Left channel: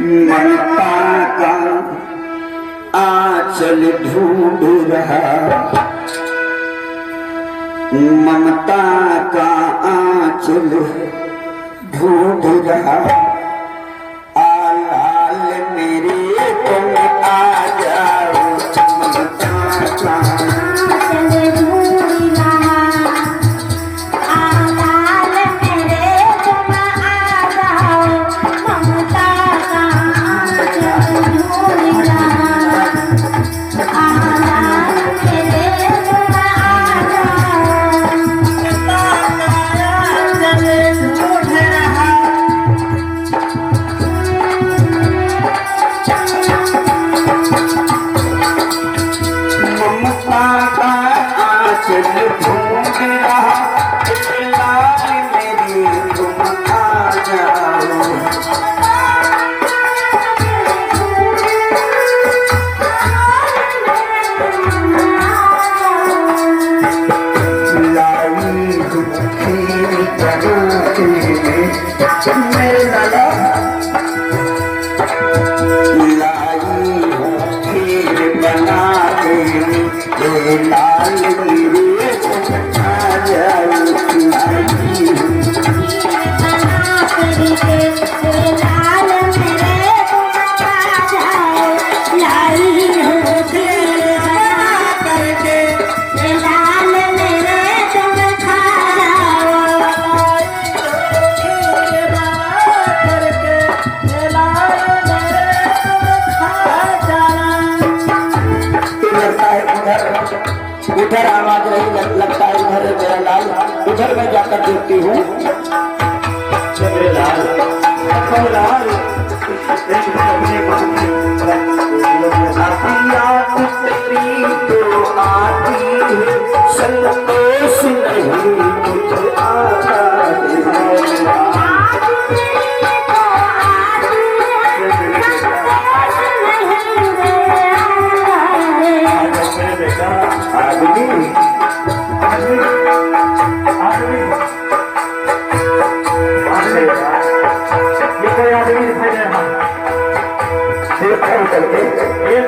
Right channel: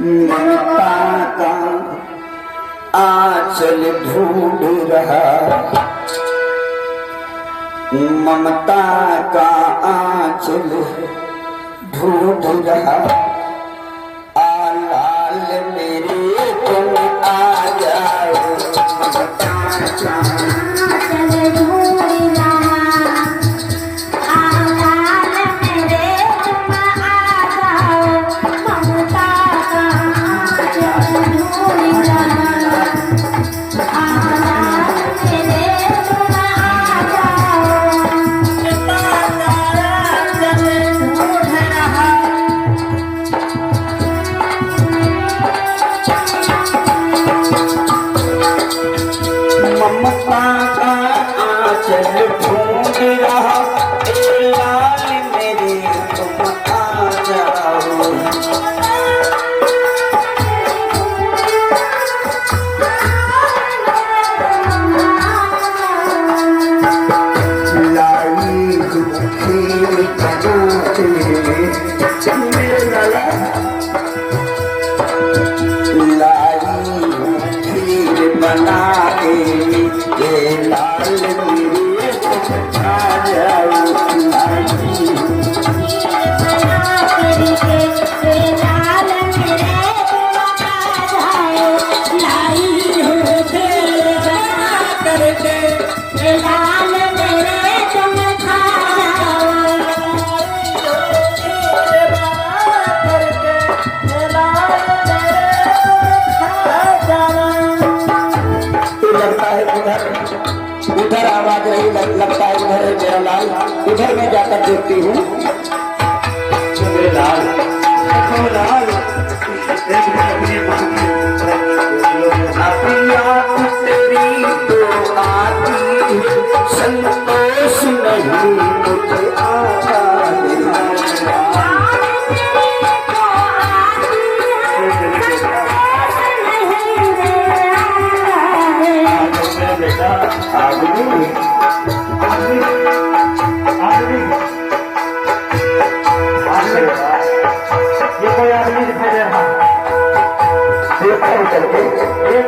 ममता का आंचल ढूंढ रहा, ममता का आंचल ढूंढ रहा। आल आल मेरे तुम आ जाओ, ममता का आंचल ढूंढ रहा। आल आल मेरे तुम आ जाओ, ममता का आंचल ढूंढ रहा। उधर आवाज लगता है, उधर मेरा लाल, उधर मैं जाकर देखती हूँ। मेरे लाल संतोष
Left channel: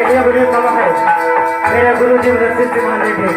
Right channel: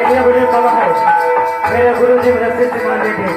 नहीं मुझे आता मेरे गुरु जी रसिक माने थे।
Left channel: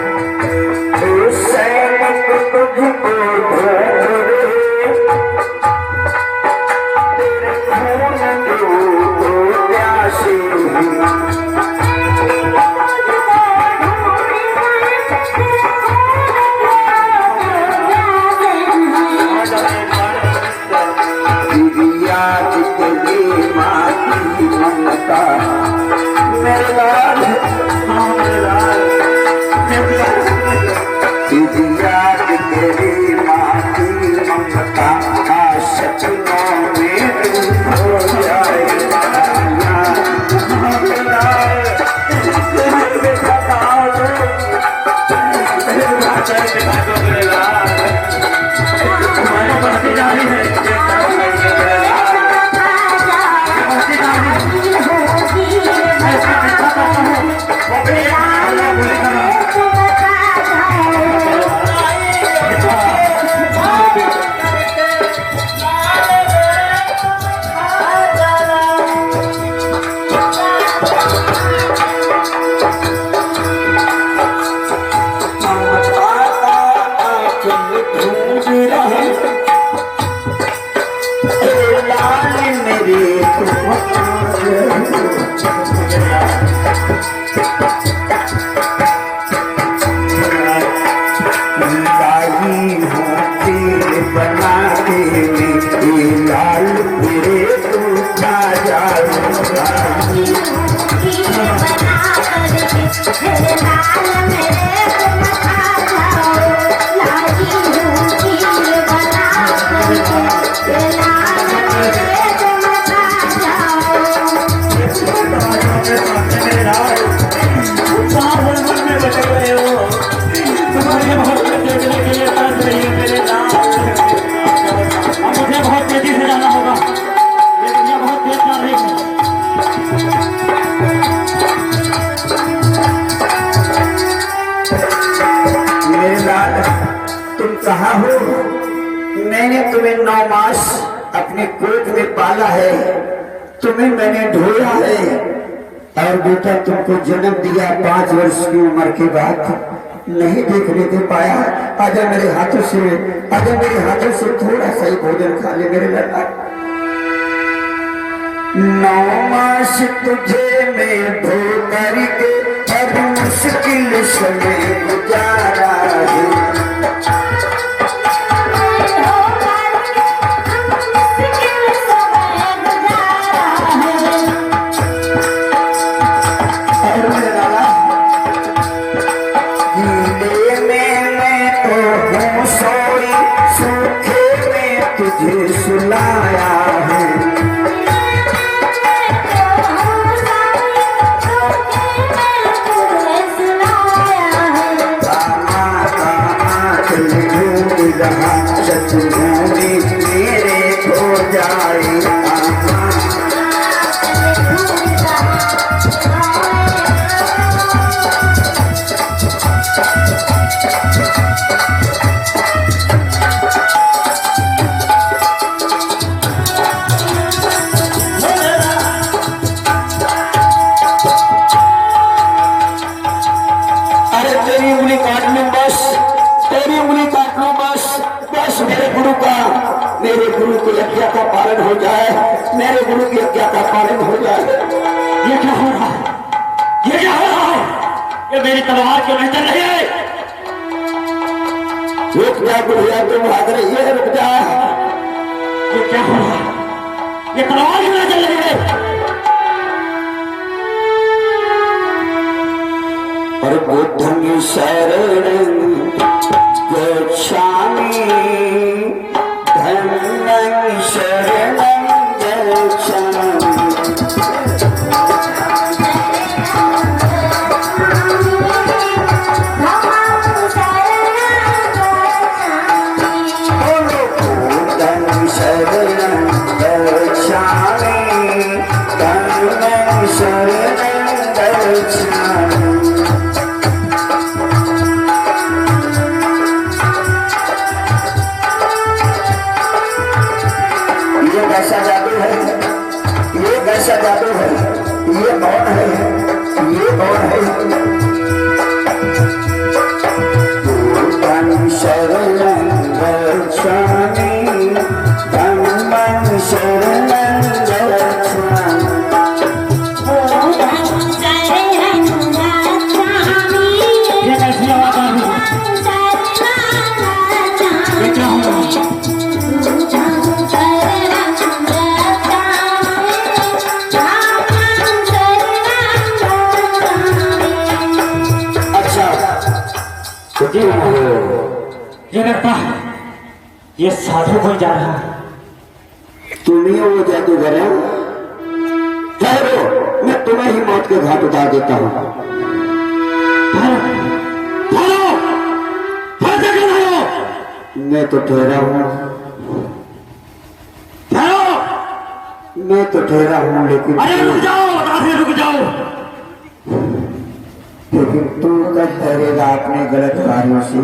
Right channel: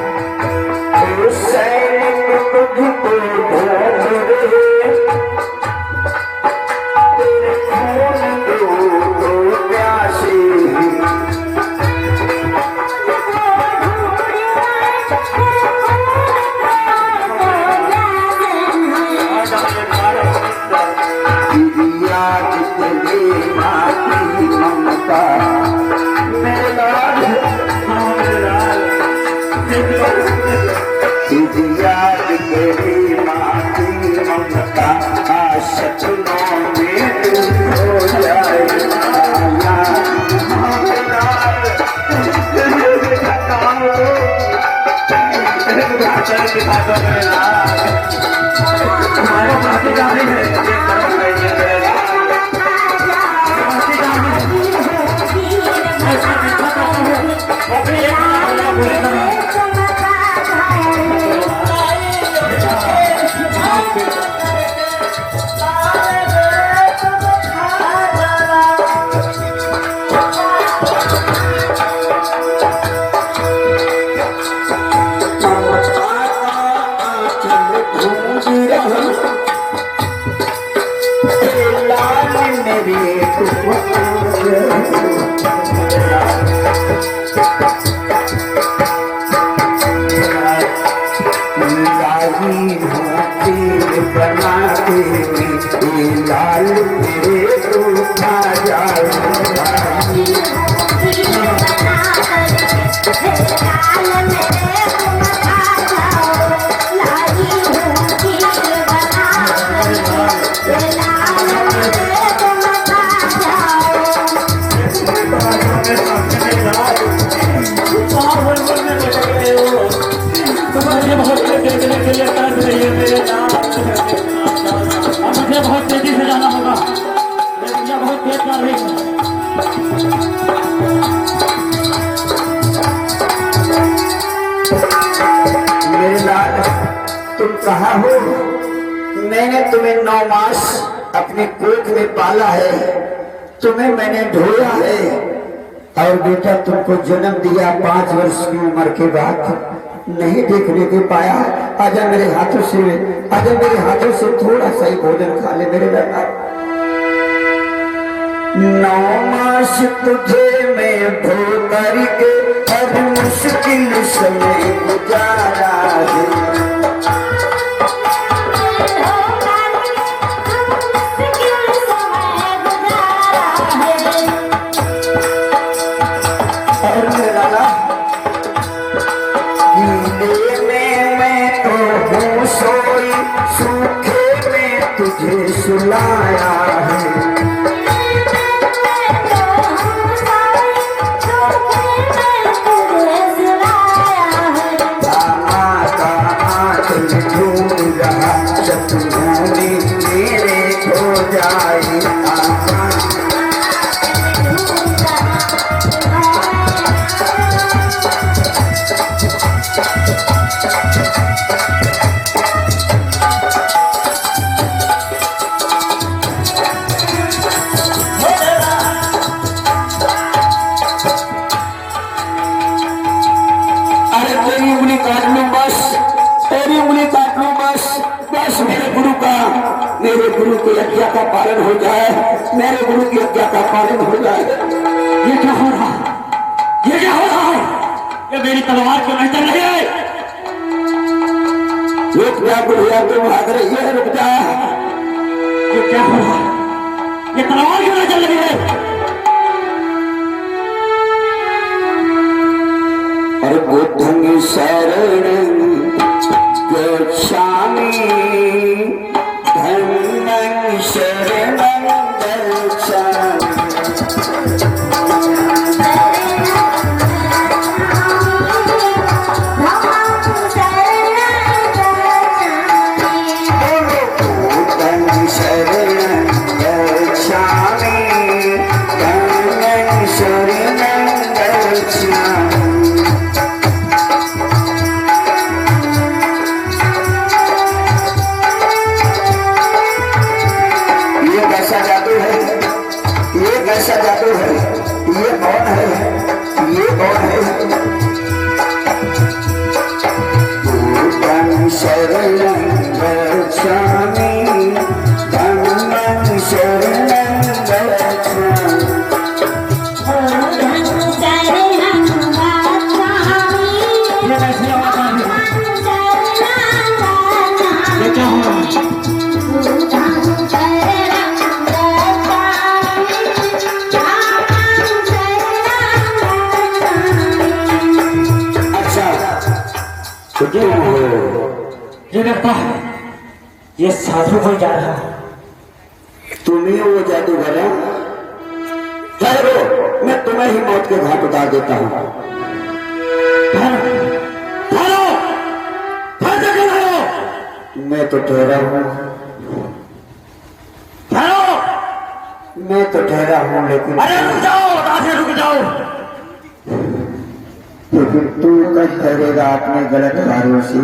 कहा हो, मैंने तुम्हें 9 मास अपने पेट में पाला है, तुम्हें मैंने ढोया है और बेटा तुमको जन्म दिया 5 वर्ष की उम्र के बाद नहीं देखने के पाया। आजा मेरे हाथों से थोड़ा सा ही भोजन खा ले मेरे लड़का। 9 मास तुझे मैं धो करके हर मुश्किल समय गुजारा है। तुझे सुलाया है मेरे हो जाए मेरे गुरु की आज्ञा का पालन हो जाए, मेरे गुरु की आज्ञा का पालन हो जाए। ये क्या हो रहा है? ये क्या हो रहा है? ये मेरी तलवार क्यों नहीं चल रही है? रुक जा गुरुआ, तुम भाग रही है, रुक जा। ये क्या हो रहा है? ये तलवार क्यों नहीं चल रही है? और बुद्धं शरणं गच्छामि धम्मं शरणं गच्छामि। बुद्धं शरणं गच्छामि धम्मं शरणं गच्छामि। ये कैसा जादू है? ये कैसा जादू है? ये कौन है? ये कौन है? बुद्धं शरणं गच्छामि धम्मं शरणं गच्छामि। ये कैसी आवाज आ रही है? ये क्या हो रहा है? तो क्यों हो? ये लगता है ये साधु कोई जा रहा है। तुम ही वो जादूगर है? ठहरो, मैं तुम्हें ही मौत के घाट उतार देता हूँ। मैं तो ठहरा हूँ, मैं तो ठहरा हूँ, लेकिन अरे रुक जाओ, आगे रुक जाओ। लेकिन तू कब ठहरेगा अपने गलत कार्यों से?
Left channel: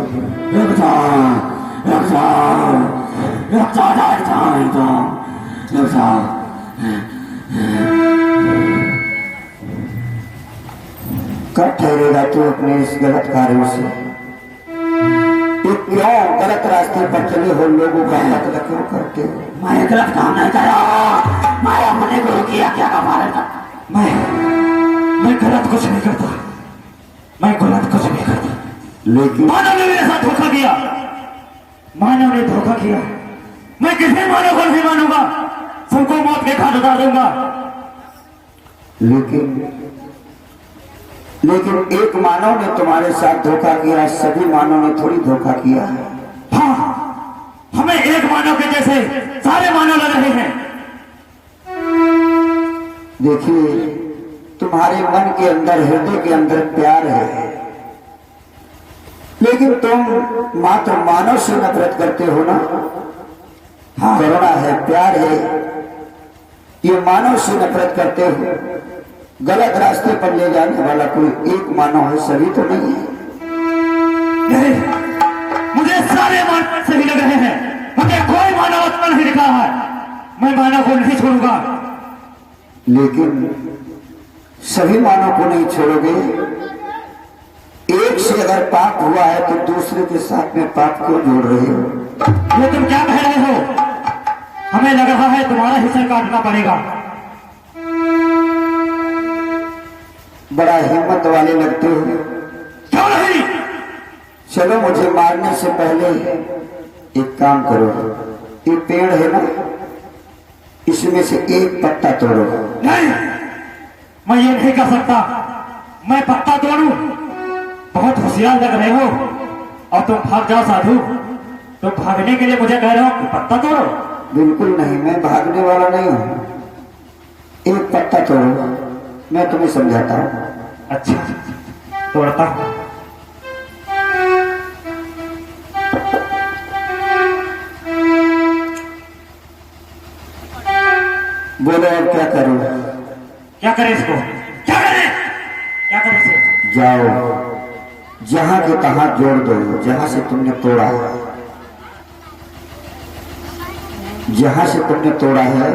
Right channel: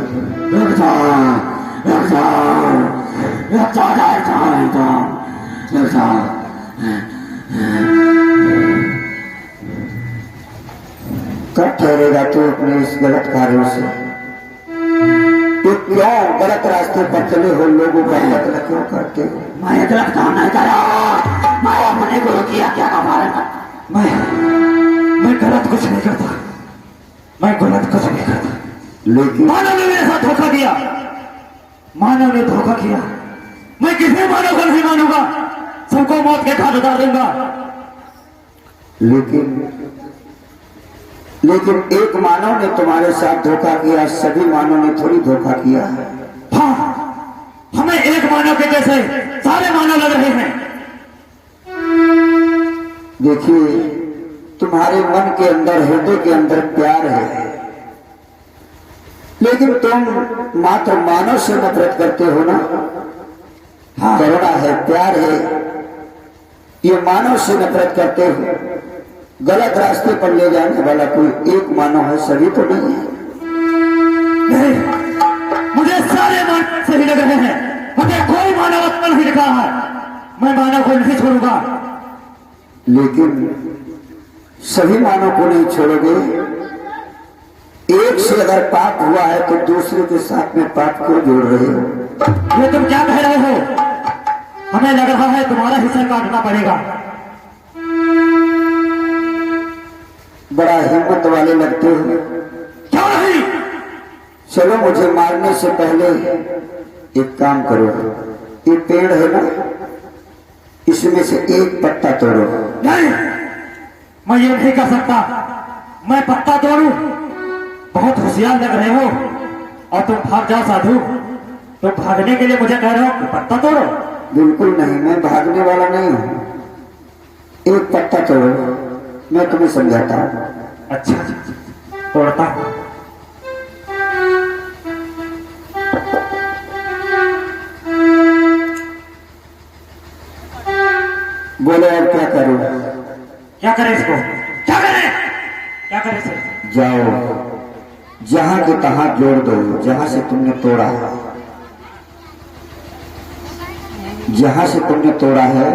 कब ठहरेगा तू अपने इस गलत कार्यों से? तू क्यों गलत रास्ते पर चले हो? लोगों का कत्ल क्यों करते हो? मैं गलत काम नहीं कर रहा, मैं अपने गुरु की आज्ञा का पालन करता। मैं गलत कुछ नहीं करता, मैं गलत कुछ नहीं करता। लेकिन मानव ने मेरे साथ धोखा किया, मानव ने धोखा किया। मैं किसी मानव को नहीं मानूंगा, सबको मौत के घाट उतार दूंगा। लेकिन एक मानव ने तुम्हारे साथ धोखा किया, सभी मानव ने थोड़ी धोखा किया। हाँ, हमें एक मानव के जैसे सारे मानव लग रहे हैं। देखिए, तुम्हारे मन के अंदर, हृदय के अंदर प्यार है, लेकिन तुम मात्र मानव से नफरत करते हो ना। हाँ, करुणा है, प्यार है, ये मानव से नफरत करते हो। गलत रास्ते पर ले जाने वाला कोई एक मानव है, सभी तो नहीं है। नहीं, मुझे सारे मानव से ही लग रहे हैं, मुझे कोई मानव आत्मा नहीं दिखा है। मैं मानव को नहीं छोड़ूंगा, लेकिन सभी मानव को नहीं छोड़ोगे। एक से अगर पाप हुआ है तो दूसरे के साथ में पाप को जोड़ रहे हो। ये तुम क्या कह रहे हो? हमें लग रहा है तुम्हारा हिस्सा काटना पड़ेगा। बड़ा हिम्मत वाले लगते हो। क्या नहीं? चलो मुझे मारने से पहले एक काम करो, ये पेड़ है ना, इसमें से एक पत्ता तोड़ो। नहीं, मैं ये नहीं कर सकता। मैं पत्ता तोड़ूं? बहुत होशियार लग रहे हो। और तुम भाग जाओ साधु। तुम भागने के लिए मुझे कह रहे हो कि पत्ता तोड़ो? बिल्कुल नहीं, मैं भागने वाला नहीं हूं। एक पत्ता तोड़ो, मैं तुम्हें समझाता हूं। अच्छा, तोड़ता हूं। बोलो और क्या करो? क्या करें इसको? क्या करें? क्या करें इसे? जाओ, जहां के तहां जोड़ दो। जहां से तुमने तोड़ा, जहां से तुमने तोड़ा है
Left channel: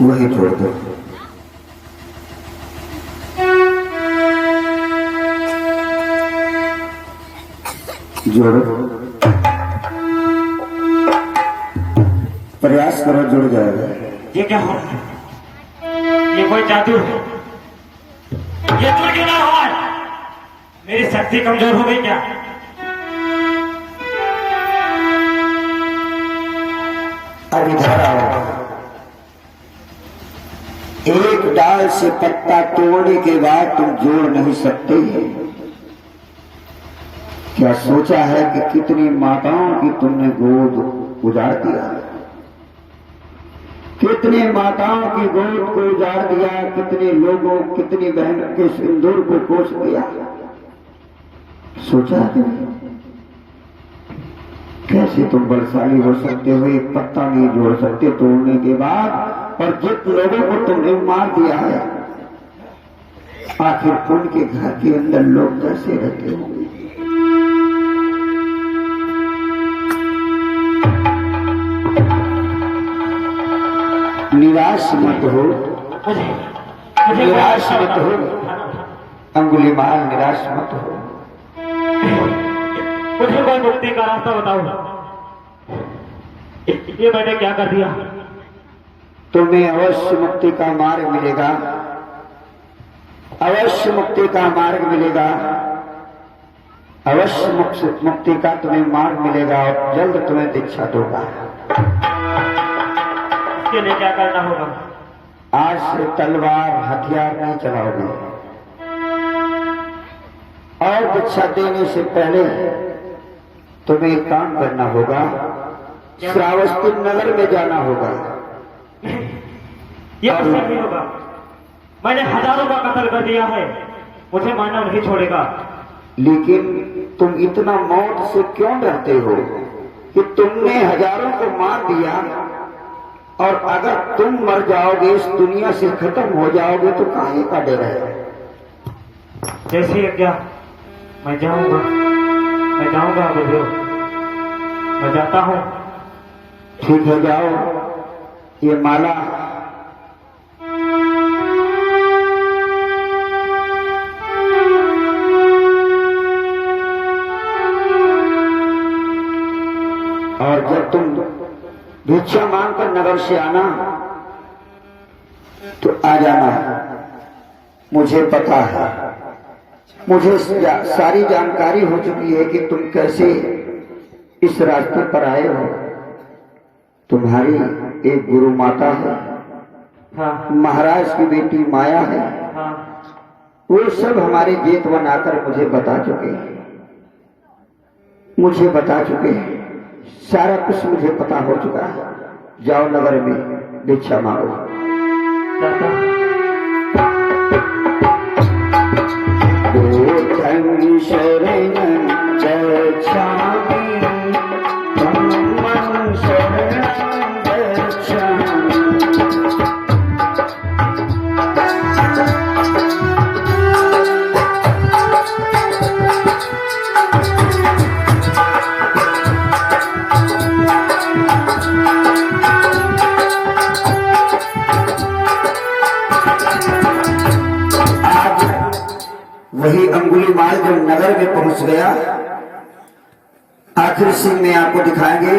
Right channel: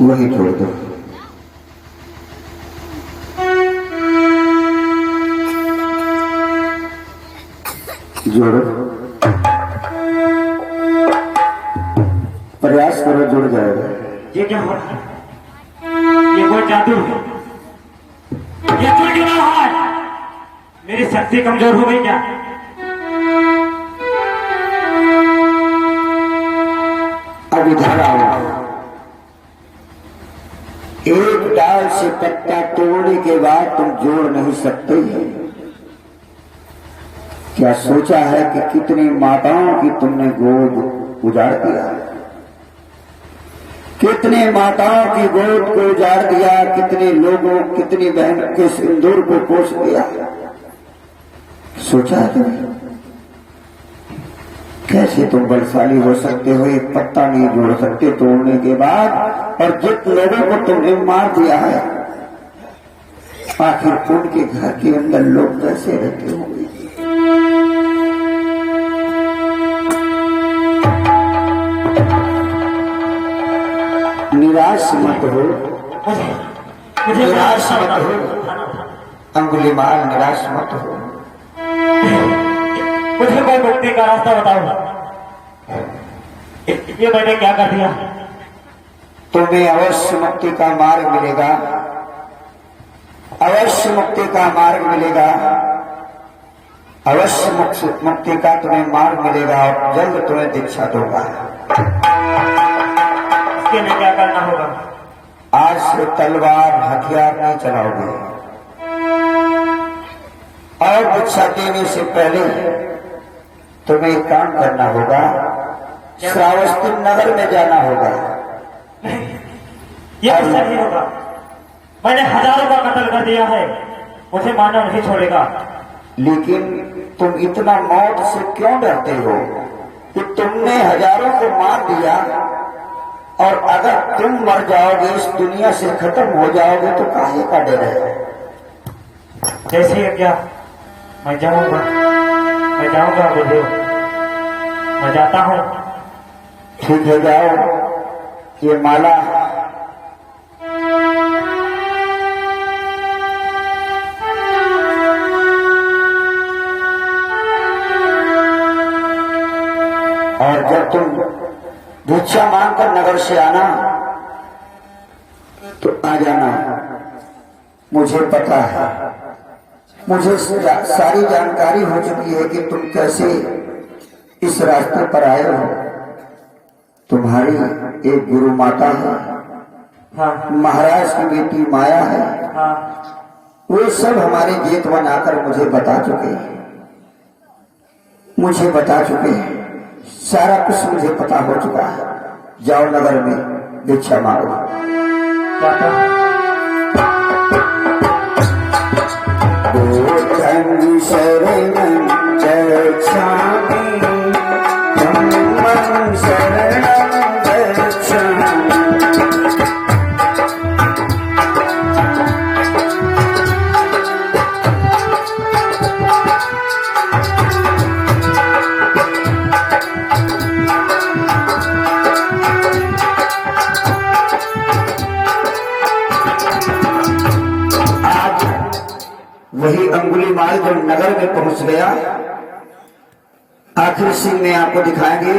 वही जोड़ दो। जोड़ो, प्रयास करो, जुड़ जाएगा। ये क्या हो रहा है? ये कोई जादू है? ये जुड़ क्यों ना रहा है? मेरी शक्ति कमजोर हो गई क्या? अब इधर आओ। एक डाल से पत्ता तोड़ने के बाद तुम जोड़ नहीं सकते। क्या सोचा है कि कितनी माताओं की तुमने गोद उजाड़ दिया? कितने माताओं की गोद को उजाड़ दिया? कितने लोगों, कितनी बहनों के सिंदूर को पोष दिया? सोचा है तुमने? कैसे तुम बलशाली हो सकते हो? एक पत्ता नहीं जोड़ सकते तोड़ने के बाद, और जिन लोगों को तुमने मार दिया है, आखिर उनके घर के अंदर लोग कैसे रहते होंगे? निराश मत हो, निराश मत हो अंगुलीमाल, निराश मत हो। मुझे कोई मुक्ति का रास्ता बताओ। ये मैंने क्या कर दिया? तुम्हें अवश्य मुक्ति का मार्ग मिलेगा, अवश्य मुक्ति का मार्ग मिलेगा, अवश्य मुक्ति का तुम्हें मार्ग मिलेगा, और जल्द तुम्हें दीक्षा दूंगा। इसके लिए क्या करना होगा? आज से तलवार हथियार नहीं चलाओगे, और दीक्षा देने से पहले तुम्हें एक काम करना होगा। श्रावस्ती नगर में जाना होगा। ये कुछ नहीं होगा। मैंने हजारों का कत्ल कर दिया है, मुझे मानव नहीं छोड़ेगा। लेकिन तुम इतना मौत से क्यों डरते हो कि तुमने हजारों को मार दिया, और अगर तुम मर जाओगे, इस दुनिया से खत्म हो जाओगे, तो काहे का डर है? जैसे क्या? मैं जाऊंगा बुढ़ियो, मैं जाता हूँ। ठीक है, जाओ। ये माला और जब तुम भिक्षा मांगकर नगर से आना तो आ जाना। मुझे पता है, मुझे सारी जानकारी हो चुकी है कि तुम कैसे इस रास्ते पर आए हो। तुम्हारी एक गुरु माता है, हाँ, महाराज की बेटी माया है, हाँ। वो सब हमारे जेठ बनाकर मुझे बता चुके हैं, मुझे बता चुके हैं। सारा कुछ मुझे पता हो चुका है। जाओ नगर में भिक्षा मांगो। जाता हूँ। शरण गच्छामि, धम्मं शरणं गच्छामि। वही अंगुलीमाल जो नगर में पहुंच गया, आखिर सीन में आपको दिखाएंगे।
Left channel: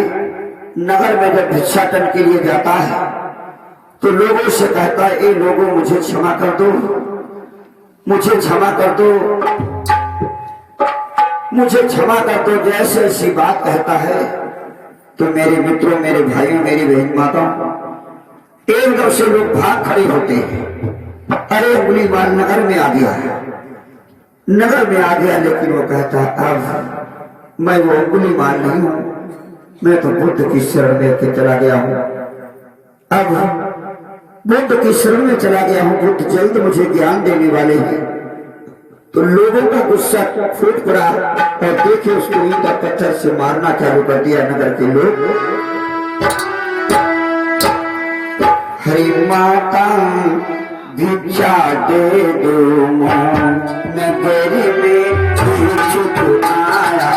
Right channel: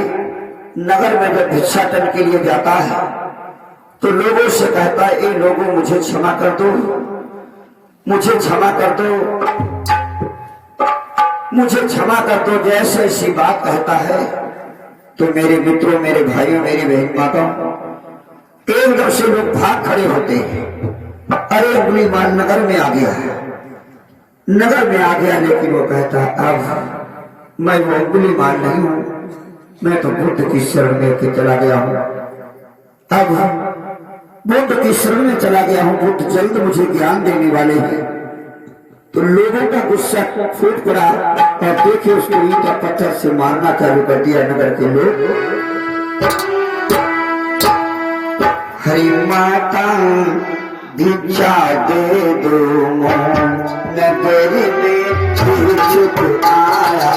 नगर में जब भिक्षाटन के लिए जाता है तो लोगों से कहता है, ए लोगों मुझे क्षमा कर दो, मुझे क्षमा कर दो, मुझे क्षमा कर दो। जैसे ऐसी बात कहता है तो मेरे मित्रों, मेरे भाइयों, मेरी बहन माताओं, एकदम से लोग भाग खड़े होते हैं। अरे अंगुलीमाल नगर में आ गया, नगर में आ गया। लेकिन वो कहता, अब मैं वो अंगुलीमाल नहीं हूं, मैं तो बुद्ध की शरण में के चला गया हूं। अब बुद्ध की शरण में चला गया हूं, बुद्ध जल्द मुझे ज्ञान देने वाले हैं। तो लोगों का गुस्सा फूट पड़ा और देखे उसको ईंटा पत्थर से मारना चालू कर दिया नगर के लोग। हरि माता भिक्षा दे दो, नगर में छूट आया।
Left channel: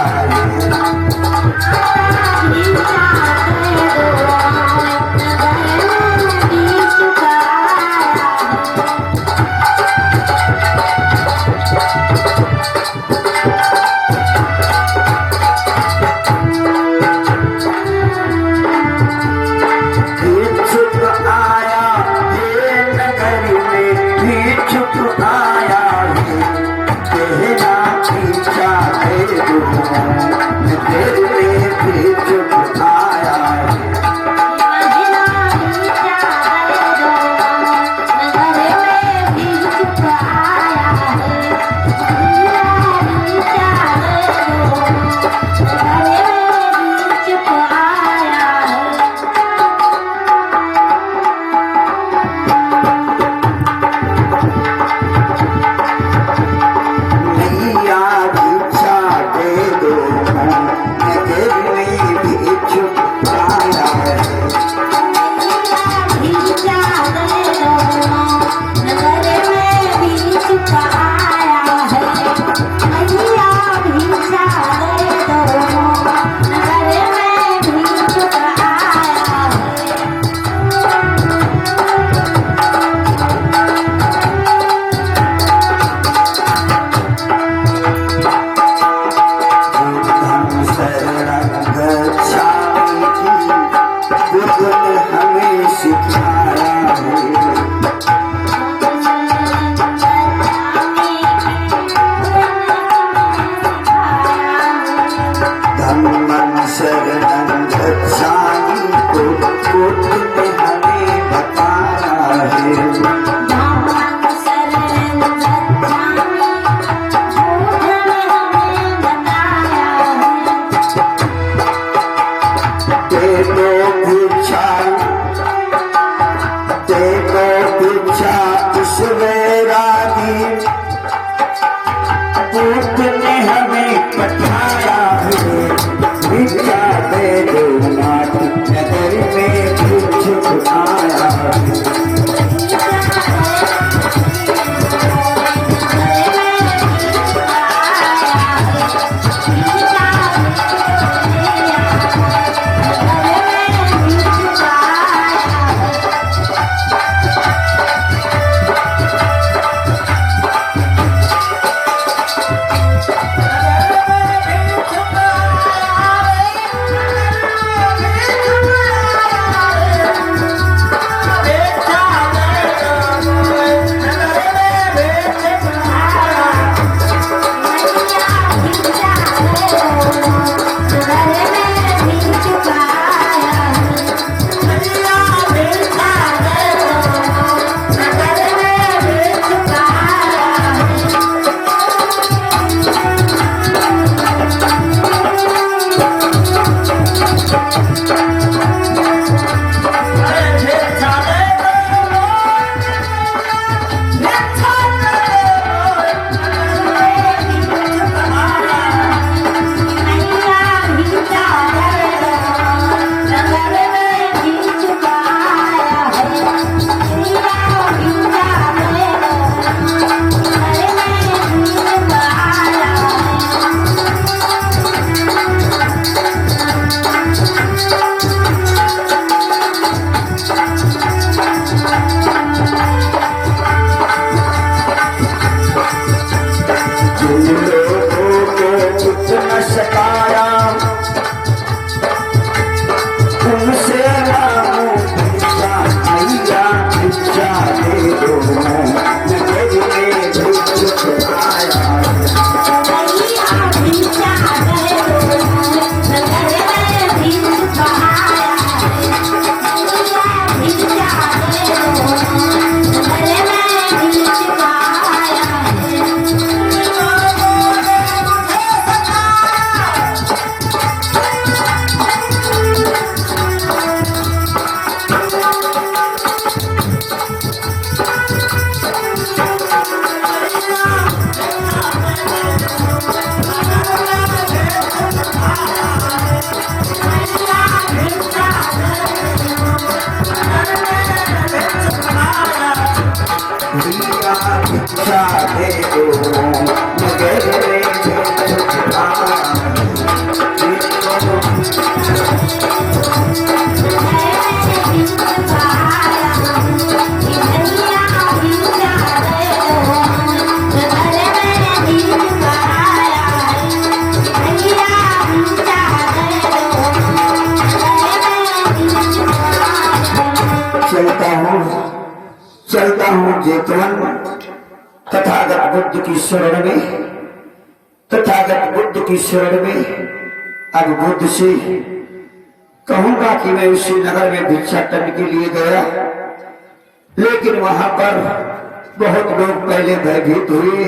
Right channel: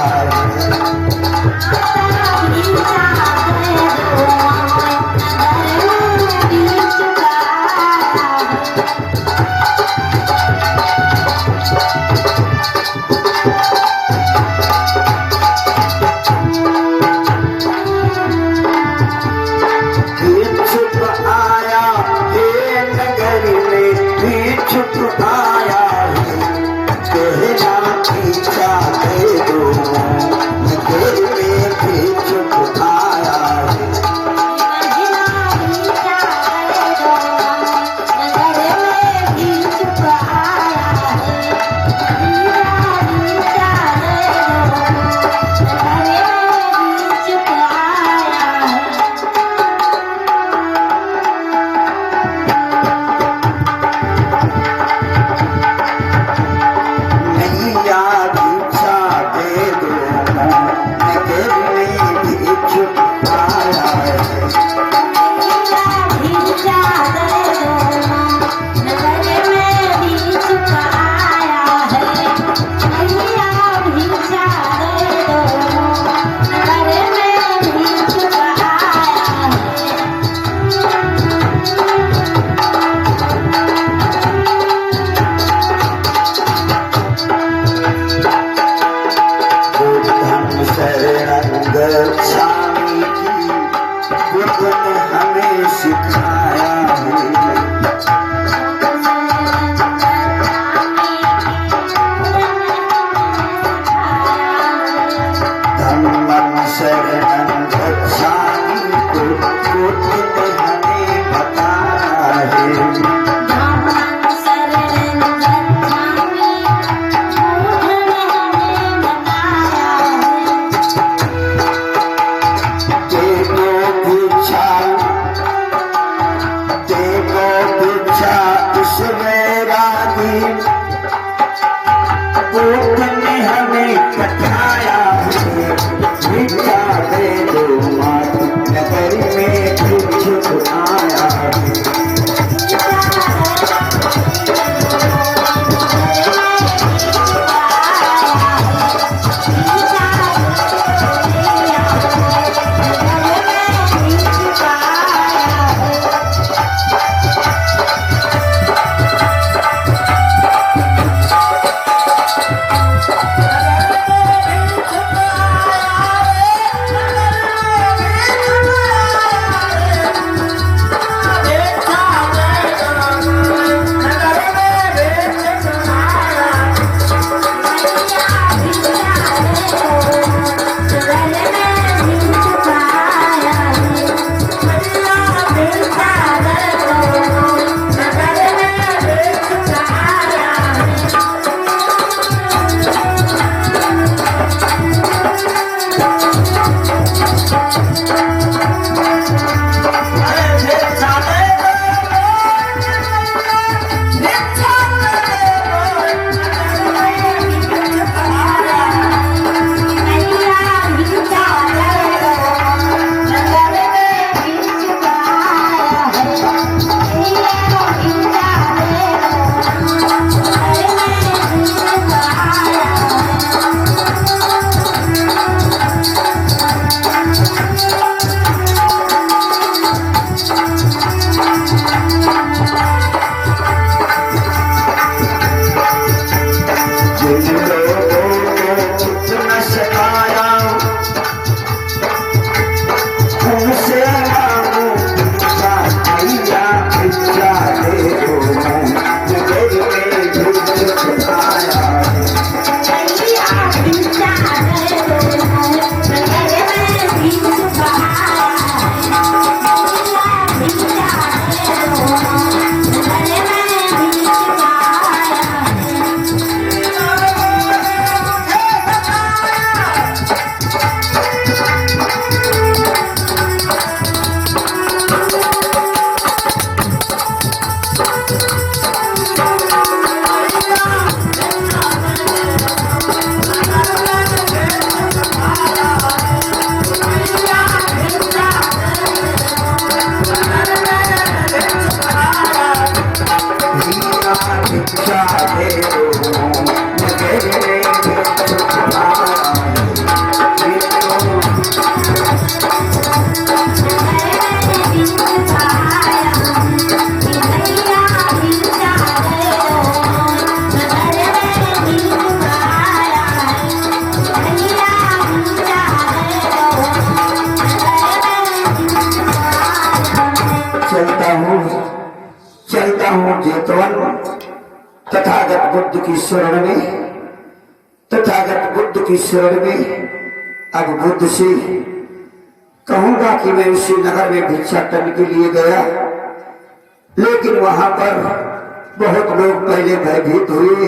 चलता हूँ जेतवन तथागत बुद्ध की शरण में, तथागत बुद्ध की शरण में। अब बुद्ध से कहूंगा कि मैं उसी नगर में भिक्षाटन के लिए गया, लेकिन वहां पर बहुत लोग पहले भयभीत हुए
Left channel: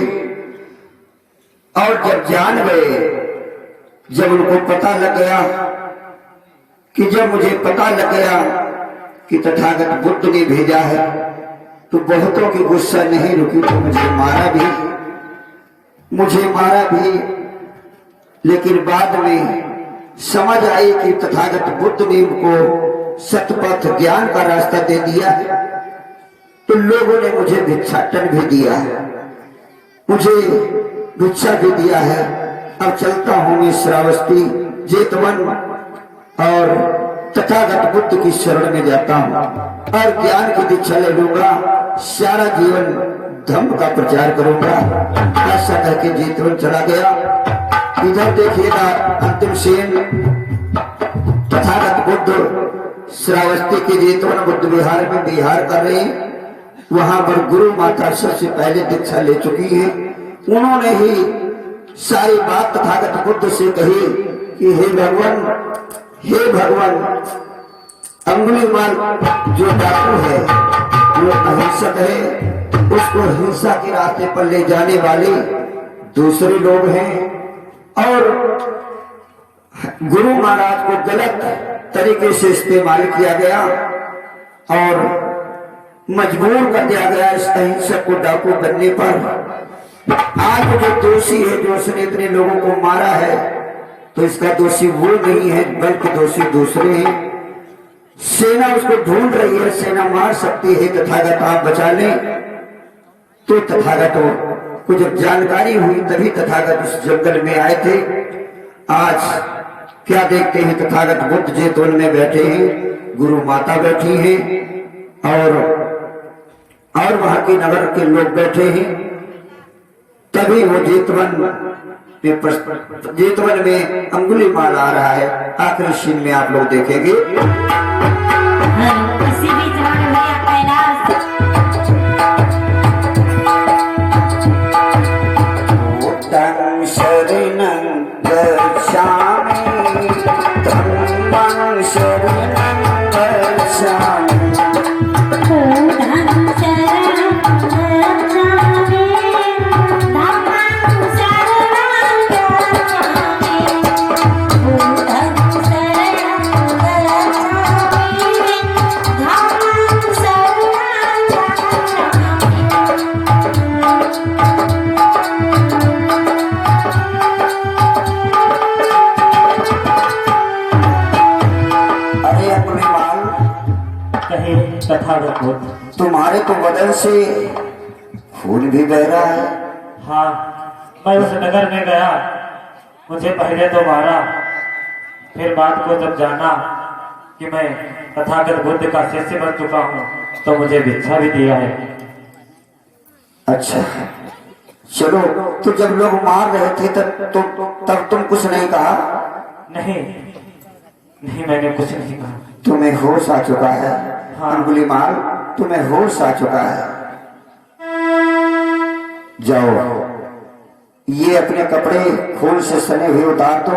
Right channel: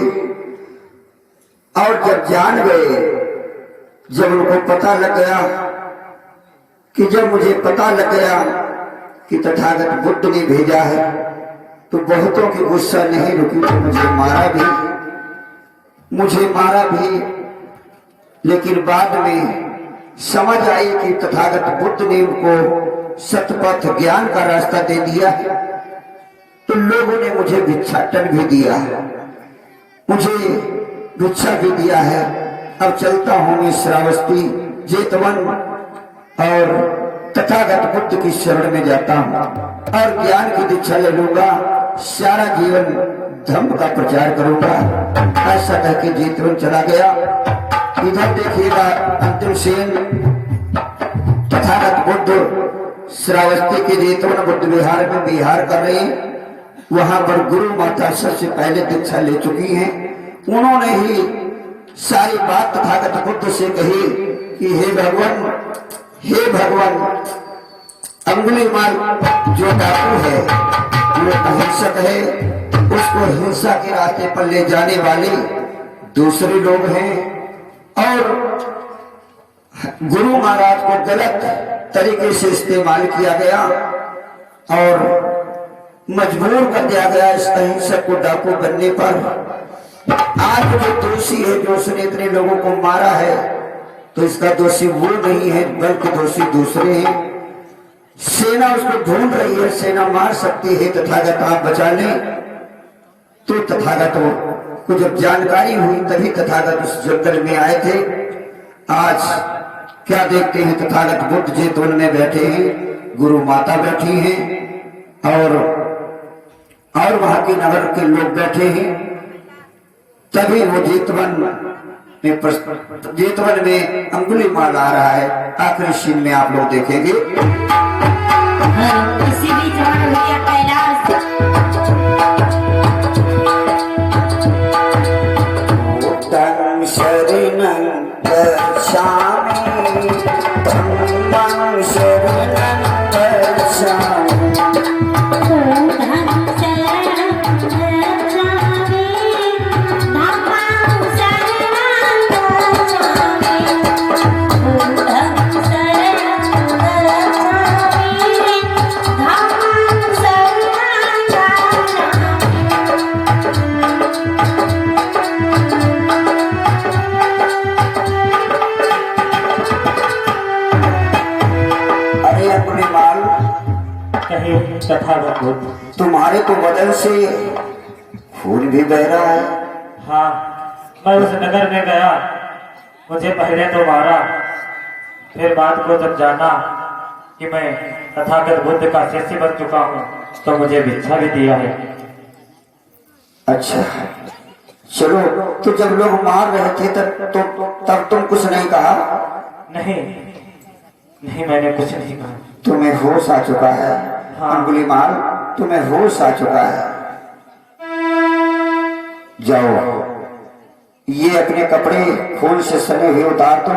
और जब जान गए, जब उनको पता लग गया कि जब मुझे पता लग गया कि तथागत बुद्ध ने भेजा है, तो बहुतों की गुस्सा नहीं रुकी तो मुझे मारा भी। लेकिन बाद में समझ आई कि तथागत बुद्ध ने उनको सतपथ ज्ञान का रास्ता दे दिया है, तो लोगों ने मुझे भिक्षाटन भी दिया है, मुझे भिक्षा भी दिया है। अब चलता हूं मैं श्रावस्ती जेतवन और तथागत बुद्ध की शरण में जाता हूं और ज्ञान की दीक्षा ले लूंगा, सारा जीवन धर्म का प्रचार करूंगा। ऐसा कहकर जेतवन चला गया। इधर देखिएगा अंतिम सेन तथागत बुद्ध श्रावस्ती के जेतवन बुद्ध विहार में विहार कर रहे हैं। वहां पर गुरु माता सबसे पहले दीक्षा ले चुकी हैं। उन्होंने ही सारी बात तथागत बुद्ध से कही कि हे भगवान अंगुलीमाल जो डाकू है, वो अहिंसक है, उसको हिंसा के रास्ते पर ले जाने वाले दूसरे लोग हैं और गुरु महाराज को गलत तरीके से इस्तेमाल किया गया और मजबूर कर दिया गया इस अहिंसक को डाकू बनने पर। आज जो दोषी है, जो उसने इतने लोगों को मारा है, तो इसका दोषी वो नहीं है बल्कि दोषी दूसरे हैं। सेना उसको ढूंढ रही है, सेना मार सकती है, तथागत आप बचा लें। तो तथागतों को जब जानकारी हुई तभी तथागत उस जंगल में आए थे। आज क्या देखते हैं, तथागत बुद्ध जेतवन में बैठे हैं, गुरु माता बैठी हैं और वहां के नगर के लोग बैठे हैं। तभी वो जेतवन में अंगुलीमाल आ रहा है। आखिरी सीन में आप लोग देखेंगे। शरणं गच्छामि धम्मं शरणं गच्छामि। तथागत बुद्ध, तुम्हारे तो बदन से खून भी बह रहा है। हाँ, मैं उस नगर में गया, मुझे पहले तो मारा, फिर बात को जब जाना कि मैं तथागत बुद्ध का शिष्य बन चुका हूँ, तो मुझे भिक्षा भी दिया है। अच्छा चलो, तो जब लोग मार रहे थे तब तुम कुछ नहीं कहा? नहीं, मैंने कुछ नहीं कहा। तुम्हें होश आ चुका है। हाँ। अंगुलीमाल, तुम्हें होश आ चुका है। जाओ, ये अपने कपड़े खून से सने हुए उतार दो,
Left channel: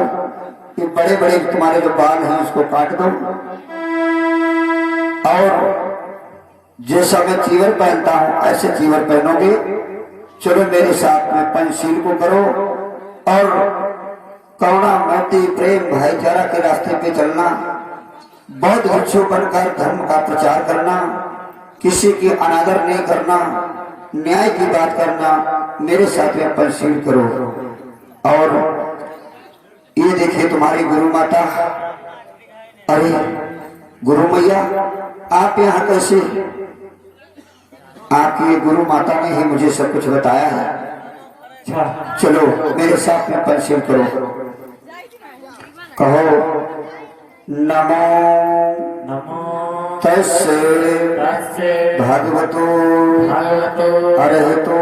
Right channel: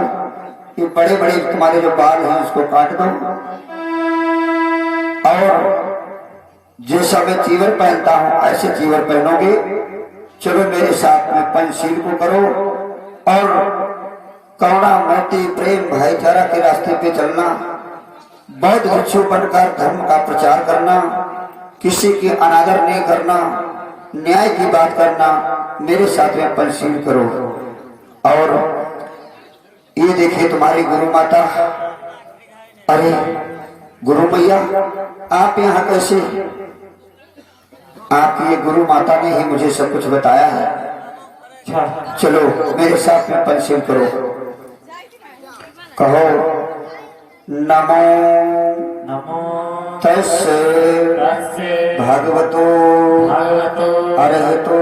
ये बड़े बड़े तुम्हारे जो बाल हैं उसको काट दो, और जैसा मैं चीवर पहनता हूं ऐसे चीवर पहनोगे। चलो मेरे साथ में पंचशील को करो और करुणा, मैत्री, प्रेम, भाईचारा के रास्ते पे चलना, बौद्ध भिक्षु बनकर धर्म का प्रचार करना, किसी की अनादर नहीं करना, न्याय की बात करना, मेरे साथ में पंचशील करो। और ये देखिए तुम्हारी गुरु माता। अरे गुरु मैया, आप यहाँ कैसे? आपकी ये गुरु माता ने ही मुझे सब कुछ बताया है। चलो मेरे साथ में पंचशील करो। कहो नमो तस्से भगवतो अरहतो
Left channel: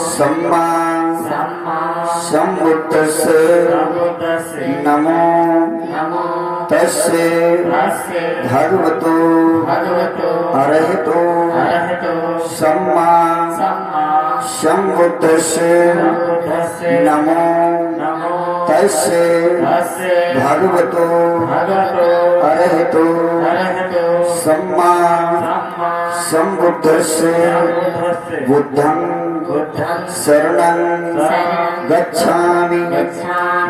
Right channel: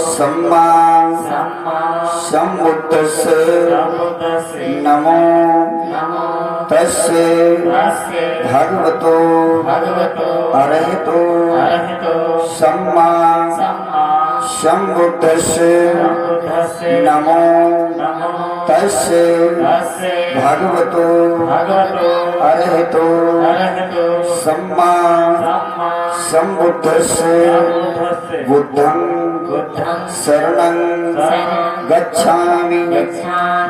सम्मा सम्बुद्धस्से नमो तस्य भगवतो अरहतो सम्मा सम्बुद्धस्य नमो तस्य भगवतो अरहतो सम्मा सम्बुद्धस्य बुद्धं शरणं गच्छामि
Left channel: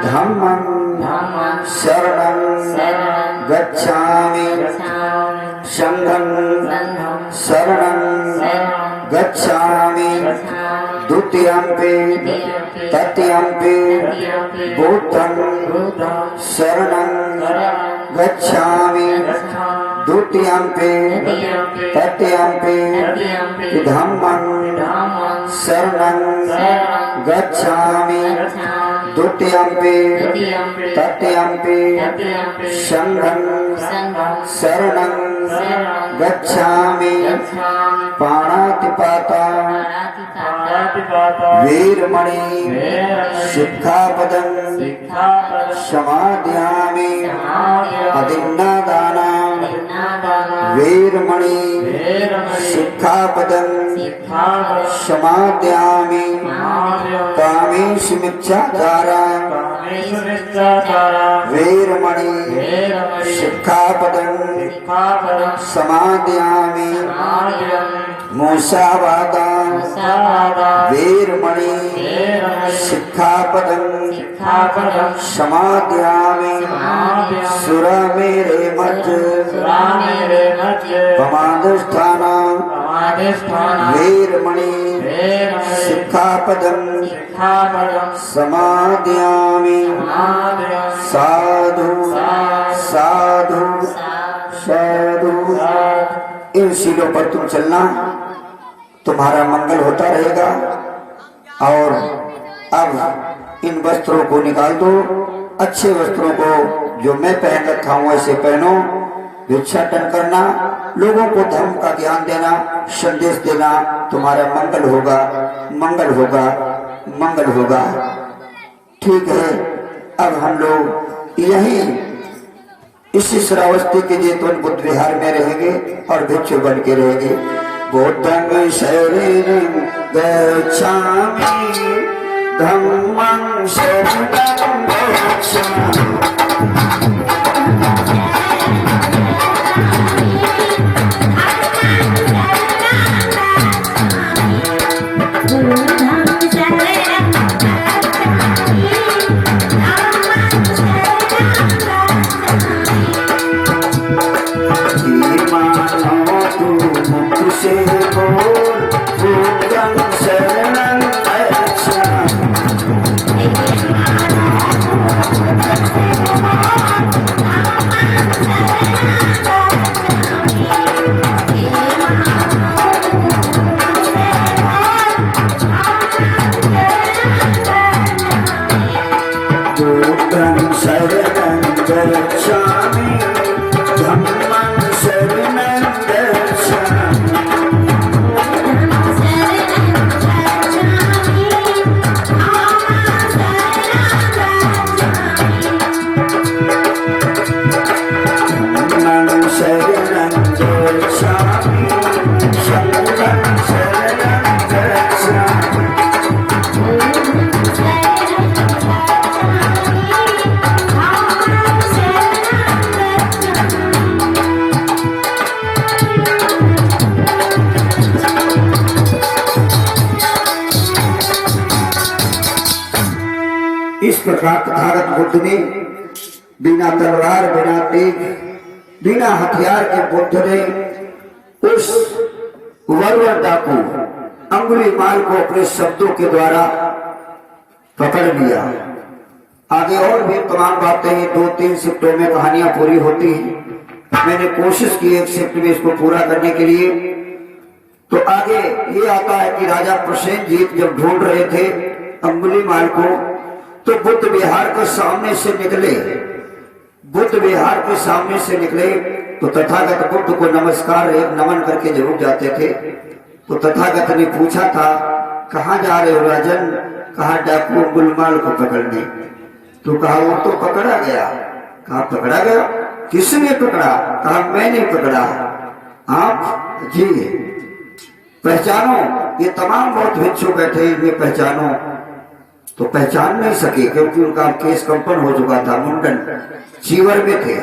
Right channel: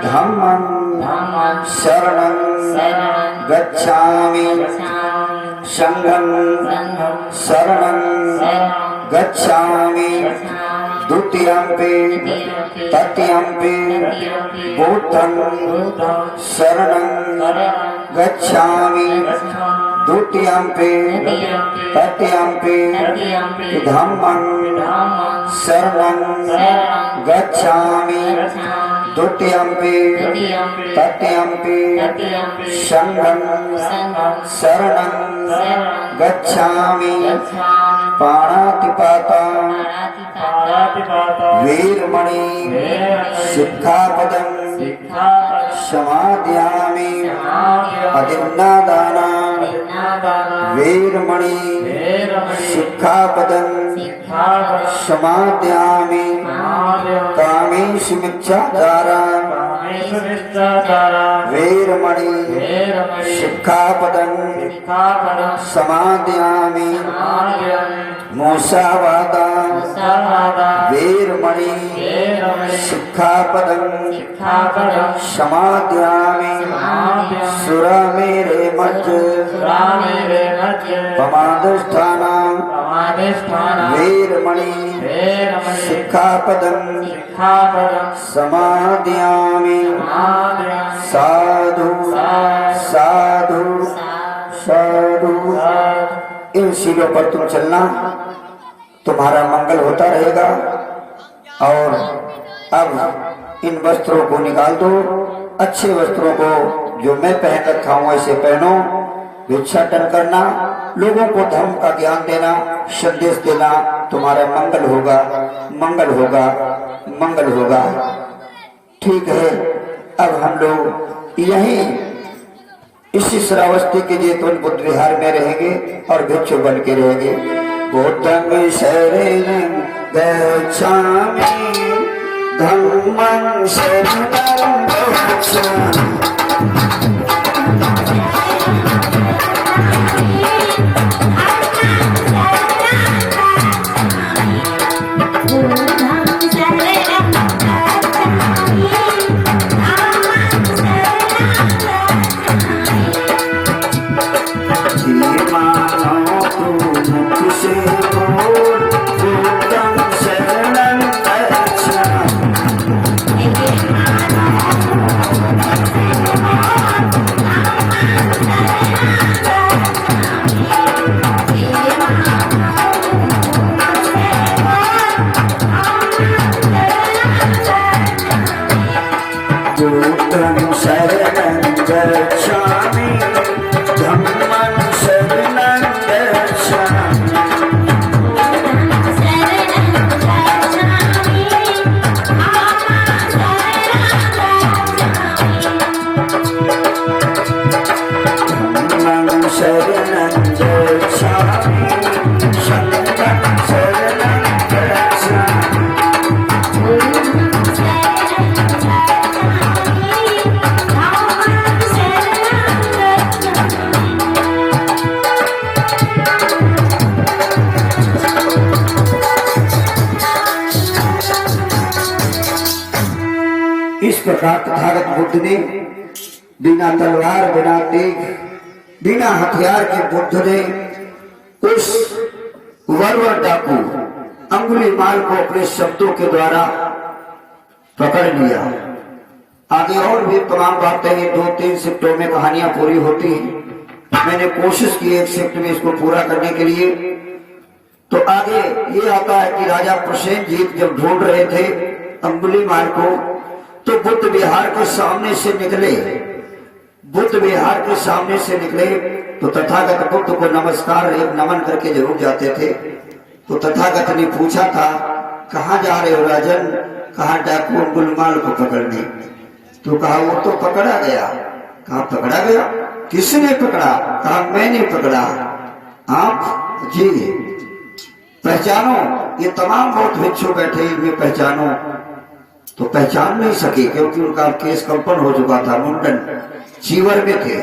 धम्मं शरणं गच्छामि संघं शरणं गच्छामि द्वितीयंपि तृतीयंपि बुद्धं शरणं गच्छामि द्वितीयंपि तृतीयंपि धम्मं शरणं गच्छामि द्वितीयंपि तृतीयंपि संघं शरणं गच्छामि पाणातिपाता वीरमणि सिक्खापदं समादयामि अदिन्नादाना वीरमणि सिक्खापदं समादयामि कामेषु मिथ्याचारा वीरमणि सिक्खापदं समादयामि मूसावादा वीरमणि सिक्खापदं समादयामि सुरामेरे मज्ज पमादष्ठाना वीरमणि सिक्खापदं समादयामि साधु साधु साधु। इन सीढ़ियों पर तुम चलना, तुम्हारा मंगल होता रहेगा। और अब इन वस्त्रों को निकाल दो, अच्छे वस्त्रों को जो मैं पहन रखा हूं ऐसे पहनो। भिक्षाटन करना, लोगों को धर्म का ज्ञान देना, संदेश देना, तुम्हारा मंगल होगा, मंगल होगा, मंगल होगा। ठीक है, अब हम लोग यहीं इसी श्रावस्ती के जेतवन बुद्ध विहार में रहेंगे और भिक्षु बन के रहेंगे। बुद्धं शरणं गच्छामि धम्मं शरणं गच्छामि। इस प्रकार तथागत बुद्ध ने बिना तलवार, बिना तेग, बिना हथियार के बुद्ध ने उस वरवर डाकू अंगुलीमाल को अपने शब्दों के द्वारा पकड़ लिया। आगे और भी तमाम बातें ये 2-3 शिफ्टों में कहानियां पूरी होती हैं। मैंने कोशिश की एक शिफ्ट में इसको पूरा करने के लिए। तो आगे ये आता है कि राजा प्रसेनजीत जब ढूंढ रहे थे अंगुलीमाल को, तो बुद्ध विहार के सामने से निकले। बुद्ध विहार के सामने से निकले तो तथागत बुद्ध को नमस्कार नमन करके जरूर जाते थे। तो तथागत ने पूछा था, कहाँ जा रहे हो राजन? कहा डाकू अंगुलीमाल को पकड़ने। तो कहा वो तो पकड़ा गया। कहा पकड़ा गया? किसने पकड़ा? कहा मैंने पकड़ा। आप जी पहचानो, ये तमाम बहुत भिक्षु बैठे हैं, वे पहचानो, तो पहचान नहीं सके क्योंकि उनका केस कंपन हो चुका था, मुंडन चीवर में थे,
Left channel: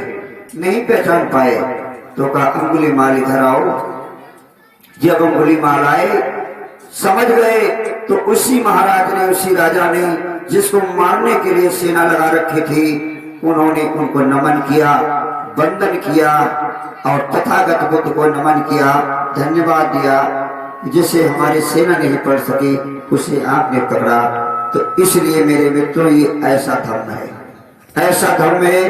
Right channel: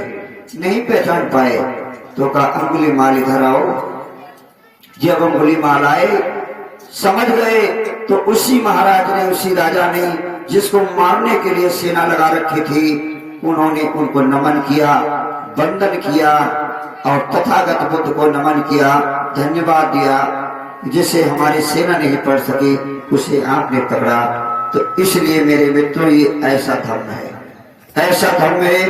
नहीं पहचान पाए। तो कहा अंगुली माल इधर आओ। जब अंगुली माल आए समझ गए, तो उसी महाराज ने, उसी राजा ने जिसको मारने के लिए सेना लगा रखी थी, उन्होंने उनको नमन किया, वंदन किया और तथागत बुद्ध को नमन किया, धन्यवाद दिया। जिसे हमारी सेना नहीं पढ़ सके उसे आपने पकड़ा। तो इसलिए मेरे मित्रों ये ऐसा धर्म है, ऐसा धर्म है।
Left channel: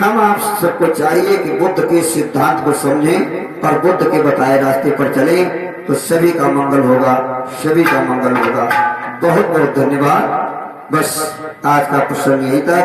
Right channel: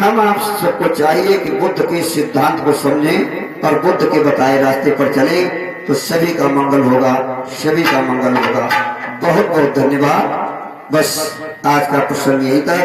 हम आप सबको चाहिए कि बुद्ध के सिद्धांत को समझें और बुद्ध के बताए रास्ते पर चलें, तो सभी का मंगल होगा, सभी का मंगल होगा। बहुत बहुत धन्यवाद। बस आज का प्रसंग यही था।